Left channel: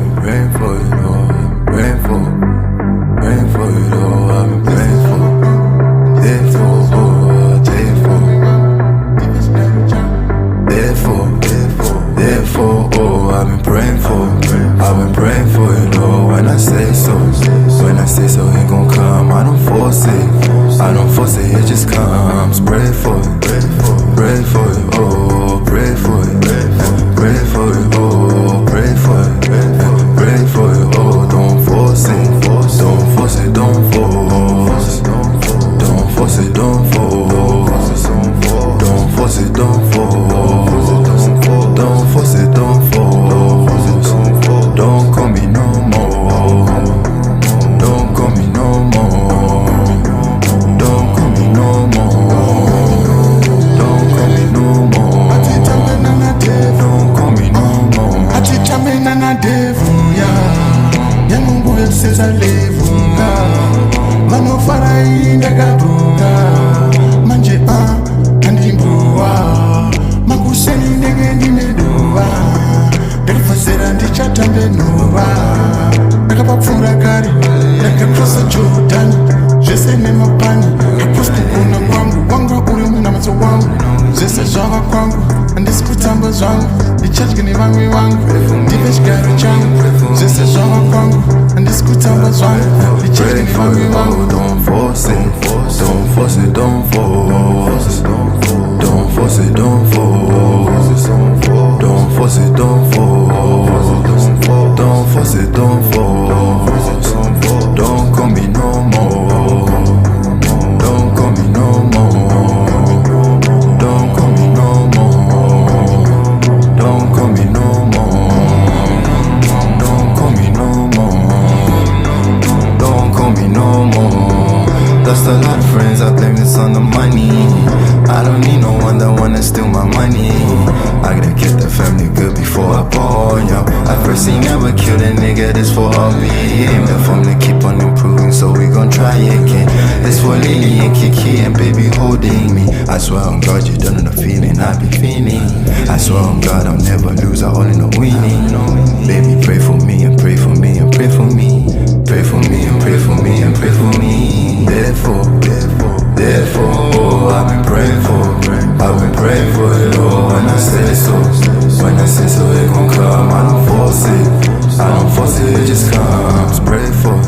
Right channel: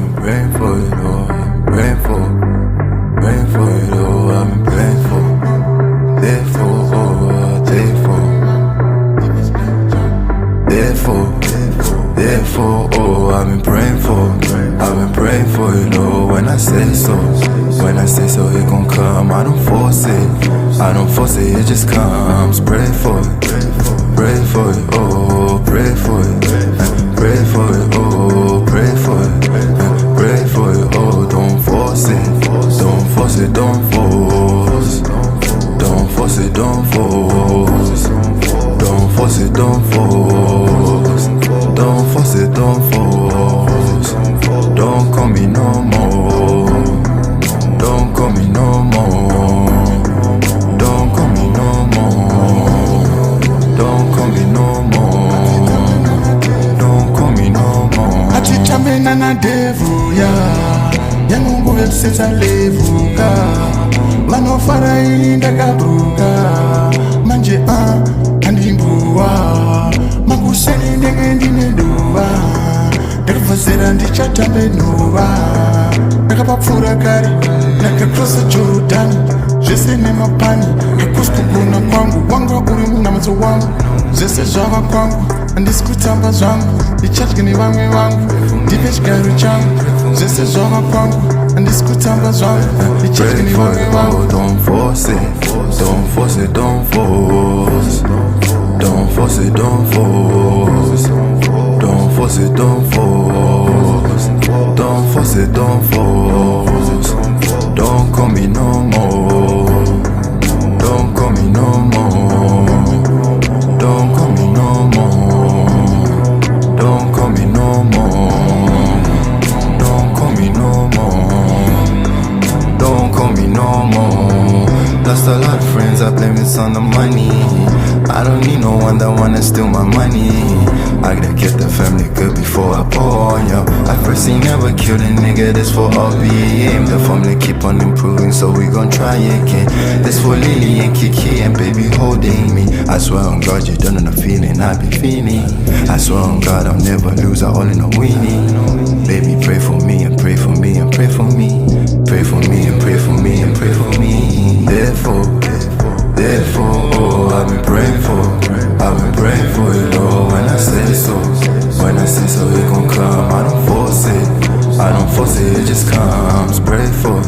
I've been praying for it, Lord. I've been praying for it, Lord. I've been praying for, therefore, oh, therefore, oh, I've been praying for it, Lord. When I say so, it gon' come. I don't force it, it just comes. Pray for it, oh, pray for it, pray for it, oh, pray for it, pray for it, oh, don't force it, don't force it, don't force, don't force it, don't force, don't force it, don't force, don't force it, don't force, don't call me no more, don't call me no more, don't call me no more, don't call me no more, don't call me no more. Atitamena na devu ya yangu nguve kusetsa levuka vanofara ini ndakabruka manje andimbuwa makuseni ndenge ndineduva ndakabvazera ndichatambenuva ndakapapfura kare ndakakrosa Jordan zvese nemapani hakusi kugona kwangu wanga uri munamutso wangu zvese zvava kwangu handisi kutamba zvangu ndichadye nevamwe vangu ndipe chigaro changu zvese zvava kwangu handisi kutamba zvangu ndichadye nevamwe vangu. Don't force it, don't force it, don't force, don't force it, don't force, don't force it, don't force, don't force it, don't force, don't call me no more, don't call me no more, don't call me no more, don't call me no more, don't call me no more, don't call me no more. Lost a lot of friends, I blame this on the money. I don't need no one that wanna steal my money. I gotta get the family good before I pour on yo. I first ain't never killed a nigga, this for all BM. The family keep on improving, so we gon' try again. This for Lily and Kiki and baby holding me. I swear on God you don't know the feeling I be feeling. I swear on God I'll never lose, I all in a winning. Baby pray for me and pray for me and pray for me. Pray for me and pray for me and pray for me. Therefore, oh, I've been praying for it, Lord. When I say so, it gon' come. I don't force it, it just comes. Pray for